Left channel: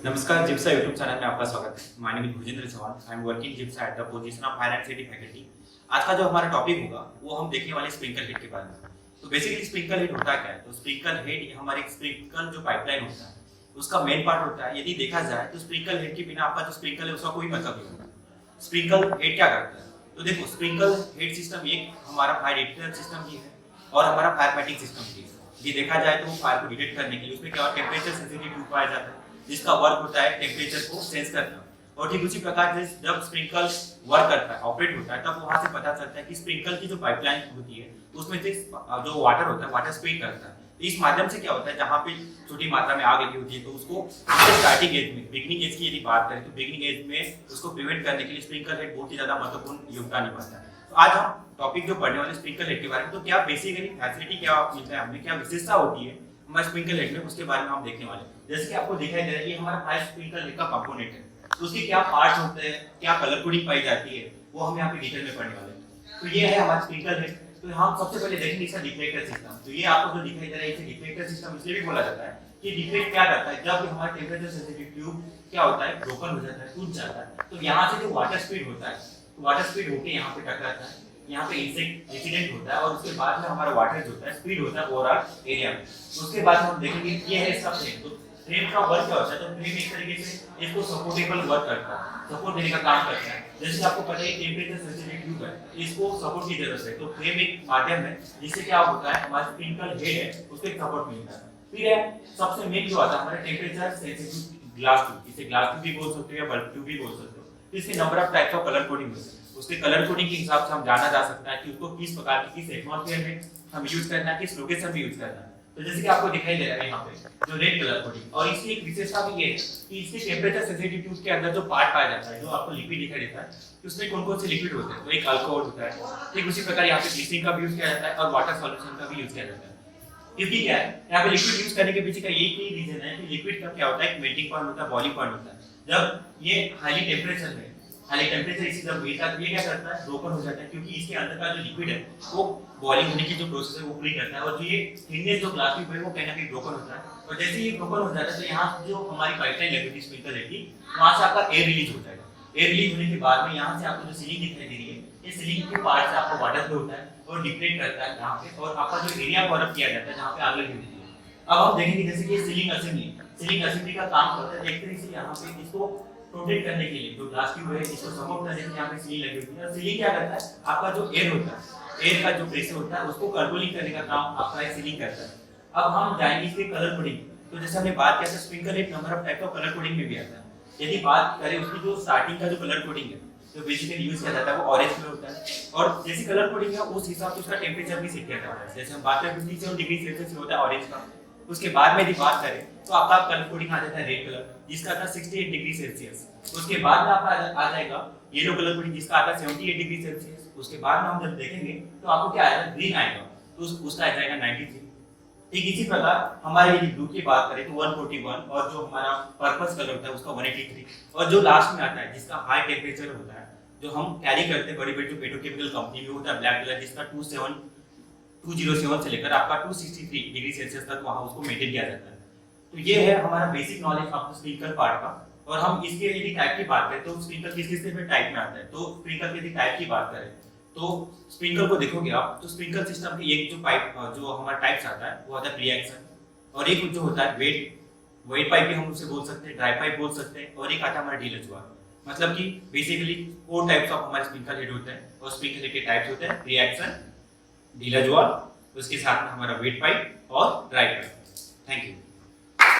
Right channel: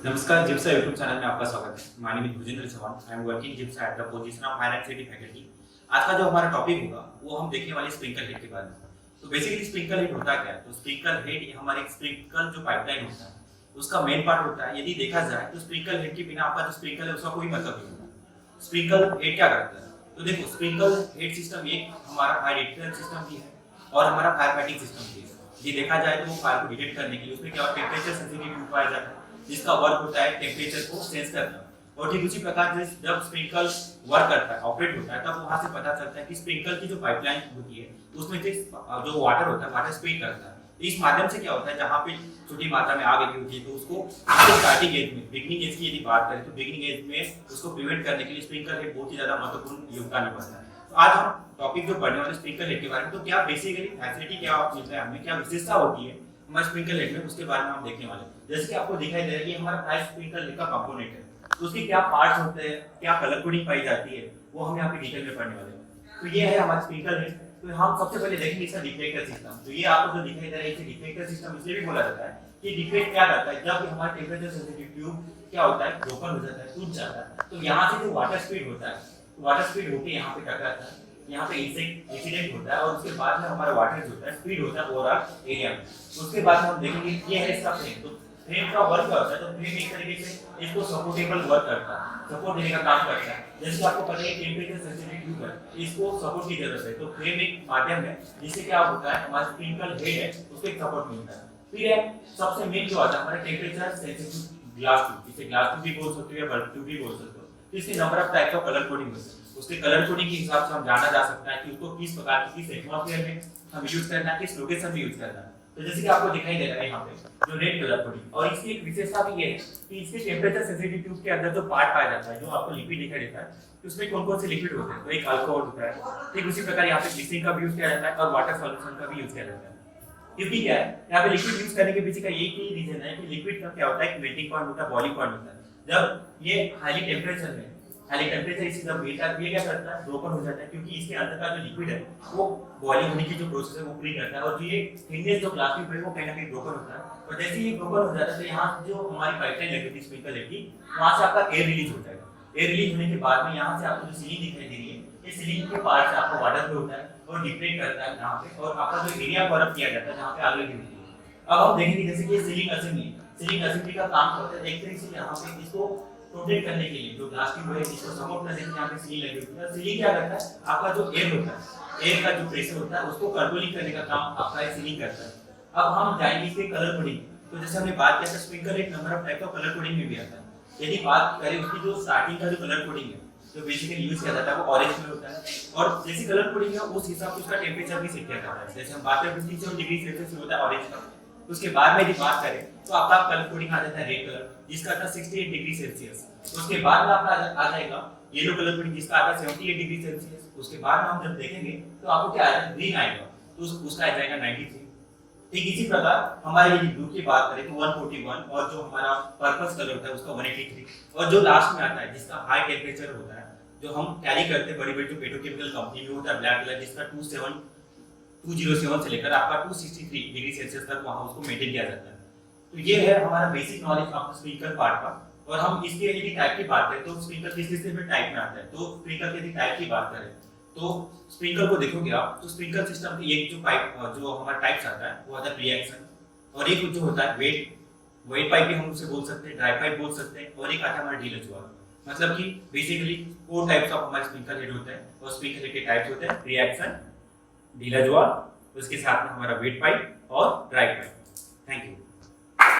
नमस्कार, जिप्सा YouTube channel में आपका स्वागत है। My name is Bhujendra Chauhan. I am working जिप्सा at the position of fire and safety faculty. आज का जो हमारा टॉपिक होगा वो हम देखने वाले स्प्रिंकल हेड के बारे में। तो बेसिकली स्प्रिंकल हेड होता क्या है? तो स्प्रिंकल हेड ये हमारे स्प्रिंकल जो पाइपलाइन होता है उसका मेन पार्ट होता है। यदि देखा जाए तो स्प्रिंकल हेड के बिना आपका जो स्प्रिंकल है उसका कोई मतलब नहीं होता। स्प्रिंकल हेड क्या करता है? तो देखो, स्प्रिंकल हेड सिस्टम एक हमारा फायर डिटेक्शन सिस्टम भी है और हमारा फायर फाइटिंग सिस्टम भी है। ये देखा जाए तो फायर को डिटेक्ट करने के लिए उसमें क्या टेम्परेचर सेंसिटिव ट्यूब पाया जाता है जिसका वर्क होता है टेम्परेचर को सेंस करना। और ठीक उसी प्रकार से जब स्प्रिंकल वर्क करता है, ऑपरेट होता है, तब वहां से पता चलता है कि स्प्रिंकल की जो पाइपलाइन होती है उसमें से जो वाटर होता है वाटर स्प्रे करता है। तो इस माध्यम से क्या होता है, जहां पे छोटी मात्रा में आग लगी होती है तो उसको स्टार्टिंग एज में, बिगिनिंग एज की यदि बात करें तो बिगिनिंग एज में उसको प्रिवेंट करने के लिए स्प्रिंकल हेड बहुत ही ज्यादा महत्वपूर्ण योगदान निभाता है। तो आज हम टॉपिक जो पढ़ने वाले स्प्रिंकल हेड के बारे में, तो क्या बेसिकली फैसिलिटी क्या मिलता है हमें, क्या विशेषता होती है हमारे स्प्रिंकल हेड में, उसके बारे में हम देखने वाले हैं। जैसे कि आपको दिखाई दे रहा है कि हमारा फायर स्प्रिंकल हेड का कंपोनेंट है, तो उसके क्या पार्ट्स होते हैं, क्या कलर कोडिंग पाई जाती है, वो हम यहाँ पे डिटेल में पढ़ने वाले हैं। तो ये है हमारा स्प्रिंकल हेड। तो हम सबसे पहले देखेंगे इसका डिफ्लेक्टर सिस्टम। तो ये आपको जो दिखाई दे रहा है इसे डिफ्लेक्टर सिस्टम इसलिए भी बोला जाता है कि डिफ्लेक्ट क्या करता है, जब हमारा टेम्परेचर सेंसिटिव ट्यूब क्या होता है, ब्रोकन हो जाता है, टूट जाता है, तो यहाँ से जो वाटर स्पीड होता है, तो वाटर स्पीड होके यहाँ पे टकराता है, यहाँ पे इंसिडेंट होता है और उसके बाद में हमारा वाटर जो होता है स्पीड होता है ओवरऑल एरिया में। उसके बाद में हम देखेंगे ये है इसका फ्रेम। तो फ्रेम का वर्क क्या होता है, तो फ्रेम एक तरीके से इसको सपोर्टेबल वर्क करता है, सपोर्ट देने का काम करता है। जैसे आपको पता है टेम्परेचर सेंसिटिव ट्यूब है, इसको सपोर्ट की जरूरत है, तो फ्रेम एक माध्यम है जिससे क्या होता है हमारा स्प्रिंकल हेड है उसको एक सपोर्ट मिलता है। फिर है सबसे मेन जो आता है हमारा टेम्परेचर सेंसिटिव ग्लास ट्यूब, इसे ग्लास ट्यूब भी बोल सकते हो या बल्ब ट्यूब भी बोल सकते हो। तो इसके number of types of colour coding होते हैं, उसके कलर कोडिंग के हिसाब से हम जाना जा सकता है कि उसको किस प्रकार की, किस एटमॉस्फेयर में हम यूज करना है, किस लोकेशन में यूज करना है। तो जैसे कि आपको दिखाई दे रहा है यहाँ पे जो रेड कलर कोडिंग, और इसकी एक विशेषता भी ये है कि इसके टेम्परेचर सेंसिटिव ट्यूब के अंदर जो पार्ट पाया जाता है, जो आपको लिक्विड दिखाई देता है, तो उसमें कौन कौन से लिक्विड होते हैं, तो एक अल्कोहल होता है, ठीक उसी प्रकार यहाँ पे ग्लिसरीन का भी यूज किया जाता है और वाटर सॉल्यूशन का भी यूज किया जाता है। क्योंकि क्या है, यहाँ पे लिक्विड यूज करने के पीछे का एक ही रीजन है कि लिक्विड का क्या होता है, एक मेल्टिंग पॉइंट होता है, बॉइलिंग पॉइंट होता है। जब ये हाई टेम्परेचर में, हाई टेम्परेचर इसी जब ये क्या करता है, ब्रोकन हो जाता है, क्योंकि इसके अंदर का जो लिक्विड है वो बॉइलिंग होने की जो प्रोसेस है वो पूरी करता है, और जो ये थिकनेस जो ग्लास ट्यूब है वो कहीं ना कहीं ब्रोकन होता है। और जैसे ही ब्रोकन हो जाता है तो यहाँ जो हमारी पाइपलाइन लगी थी स्प्रिंकलर की, वहां से आपका एयर रिलीज हो जाएगा। एयर रिलीज होने के बाद में यहाँ से आपको जो सीलिंग दिखाई दे रही है, ये सीलिंग के पार्ट से आपको वाटर फ्लो होता है और डिफ्लेक्ट करता है यहाँ पे, और आपका जो एरिया कवर अप किया जाता है जहाँ पे आग लगी होती है। अब हम देखेंगे जैसे कि सीलिंग असेंबली, सीलिंग असेंबली का काम करता है एक तरीके से यहाँ पे इसको प्रोटेक्ट करने के लिए, जो ग्लास ट्यूब है इसको सपोर्ट करने के लिए यहाँ पे सीलिंग लगी होती है। सीलिंग क्या करता है, आपका जो एयर होता है, एयर का जो प्रेशर होता है उसको कंट्रोलिंग करने का काम आपका ये सीलिंग करता है। अब हम जाएंगे इसके कलर कोडिंग। तो जैसे हमने बात किया था स्प्रिंकलर एक number of type of colour coding में भी आता है। यदि बात करें उसकी जो स्टार्टिंग का जो कलर कोडिंग है जो बेसिकली यूज किया जाता है वो ऑरेंज में होता है, और जैसी कलर कोडिंग है उस हिसाब से उसका टेम्परेचर भी सेट किया जाता है। जैसे हम बात करें 57 डिग्री सेल्सियस होता है ऑरेंज का, उसके बाद में यदि बात करें तो आपका कलर कोडिंग आ जाता है रेड कलर जिसका आता है 68 डिग्री सेल्सियस। उसके बाद में आपका आ जाएगा येलो कलर कोडिंग जिसका आता है 78 डिग्री सेल्सियस। उसके बाद में हम जब देखेंगे तो आपको क्या आएगा, ग्रीन आएगा, तो उसका आ जाएगा 93। ठीक इसी प्रकार हमारे यदि ब्लू की बात करें तो 141, और जो हमारा पर्पस कलर होता है उसका 183, और जो लास्ट में आता है जिसका हाई टेम्परेचर होता है जो हम कैरी करते हैं बड़ी बड़ी जो पेट्रोकेमिकल कंपनी में होता है ब्लैक कलर, जिसका 207 से लेकर आपका 263 डिग्री सेल्सियस तक वहां उसको मेंटेन किया जाता है। तो ये है हमारा बेसिक नॉलेज आपको स्प्रिंकलर पार्ट का। और हम इसके यदि टाइप की बात करें तो स्प्रिंकलर किस किस टाइप में आता है, तो स्प्रिंकलर की यदि टाइप की बात करें तो स्प्रिंकलर को देखोगे आप तो स्प्रिंकलर सिस्टम की एक जो पाइप जो हमारा टाइप्स आता है वो आता है प्री एक्शन, और एक जो होता है वेट पाइप भी हम उसे बोल सकते हैं, ड्राई पाइप बोल सकते हैं, और एक आता है हमारा ढीला जुआ। मतलब कि बेसिकली 4 टाइप्स ऑफ हमारे स्प्रिंकलर हेड होते हैं, और स्प्रिंकलर के टाइप्स होते हैं प्री एक्शन, ढीला जुआ, उसके साथ में हमारा वेट पाइप और ड्राई पाइप। Thank you.